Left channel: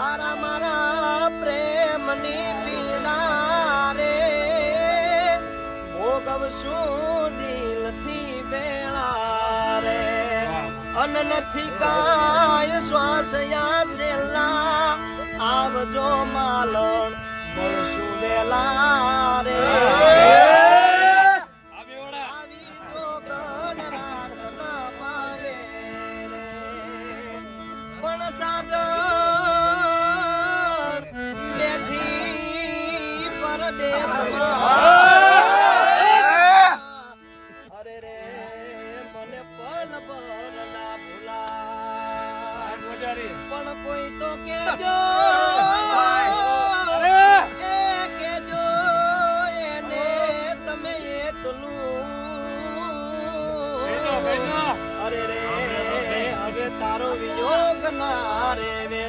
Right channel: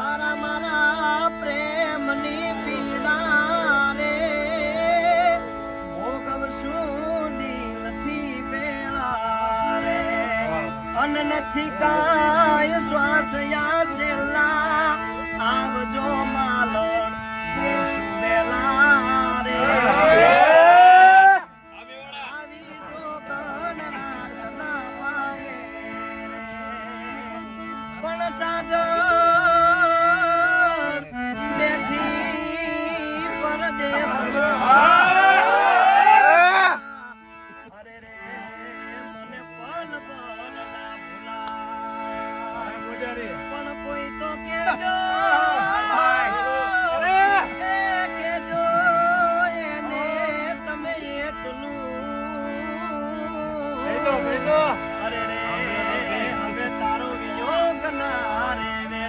તારા મારા પ્રેમની પીડા રે ભોગવશું દિલથી બેળા રે અન નથી કાય શ્વાસ યા છેલ્લા આવજો માલણ બોલશું બેલા રે પણ કોઈ તો કેજો